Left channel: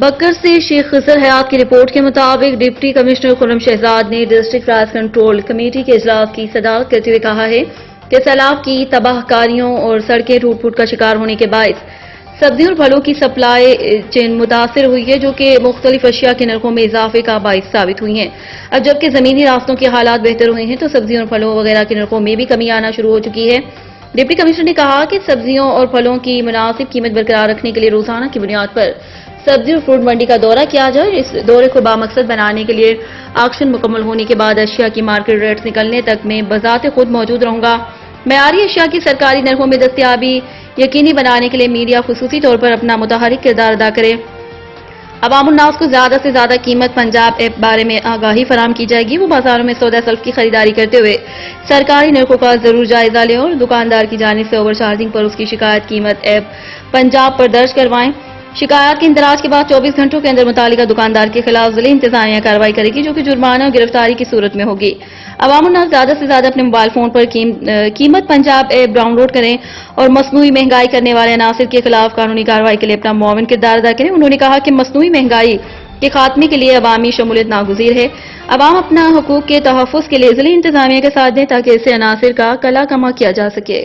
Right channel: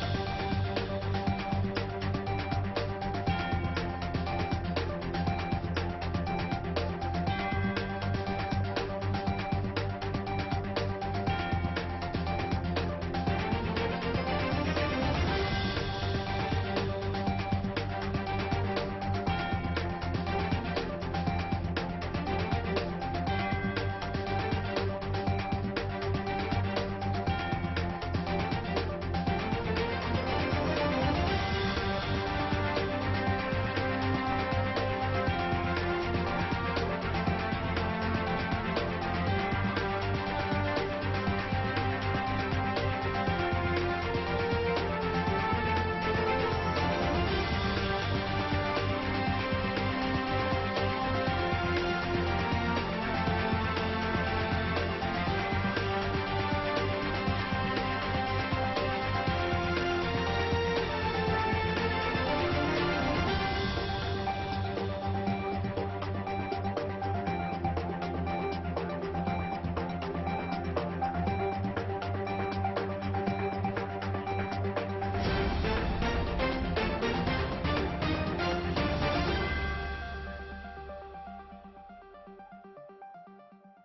بکر سے شیخ خضر حیات کی رپورٹ کے مطابق ڈپٹی کمشنر خرم شہزاد نے ڈسٹرکٹ رائس کنٹرول کمیٹی کے اجلاس کی صدارت کرتے ہوئے کہا ہے کہ سیلاب کی تباہ کاریوں اور سڑکیں ٹوٹ پھوٹ کا شکار ہونے کے باعث سبزیوں اور پھلوں کی سپلائی چین متاثر ہوئی ہے، جو کہ مختلف اشیاء کے نرخوں میں اضافے کا باعث ثابت ہوئی ہیں۔ اب جبکہ زمینی راستوں کے حالات بہتر ہوئے ہیں تو سبزیوں اور پھلوں وغیرہ کے نرخوں میں بھی کمی آنا شروع ہو چکی ہے۔ ڈپٹی کمشنر نے کہا کہ سبزیوں اور پھلوں کی مناسب قیمت برقرار رکھنے کے لیے روزانہ کی بنیاد پر سبزی اور فروٹ منڈی کا دورہ کیا جائے۔ اس دورے کو بامقصد بنانے کے لیے آکشن مکمل ہونے کے بعد اشیاء کی مارکیٹ ریٹس نکلنے تک میں بذات خود موجود رہوں گا۔ معیاری اشیاء کی سرکاری نرخوں میں دستیابی یقینی بنانے کے لیے میڈیا خصوصی طور پر اپنا متحرک کردار ادا کرے۔ عوام الناس کو زیادہ سے زیادہ قیمت پنجاب ایپ بارے میں آگاہی فراہم کی جائے گی۔ وہ بازاروں میں سودا سلف کی خریداری کرتے ہوئے سرکاری نرخوں کا ضرور جائزہ لیں اور دکاندار کی جانب سے اوور چارجنگ پر اس کی شکایت قیمت ایپ پنجاب پر درج کروائیں۔ شکایات کے اندراج کے بعد 24 گھنٹوں کے اندر متعلقہ دکاندار کے خلاف ضلعی انتظامیہ کارروائی کرے گی، جو کہ جرمانہ اور گرفتاری کی صورت میں ہوگی۔ عوام الناس زیادہ سے زیادہ اپنے موبائل فون پر قیمت پنجاب ایپ ڈاؤن لوڈ کریں اور مصنوعی مہنگائی کرنے والے عناصر کے خلاف قانونی کارروائی کے لیے اپنا معاون کردار ادا کریں۔ انہوں نے کہا کہ مصنوعی مہنگائی کے خاتمے کے لیے عوامی شمولیت ناگزیر ہے۔ عوام اپنا حقوق کے تحفظ کے لیے ضلعی انتظامیہ کے ساتھ دیں تاکہ اس سے عناصر کا کلا کما کیا جا سکے۔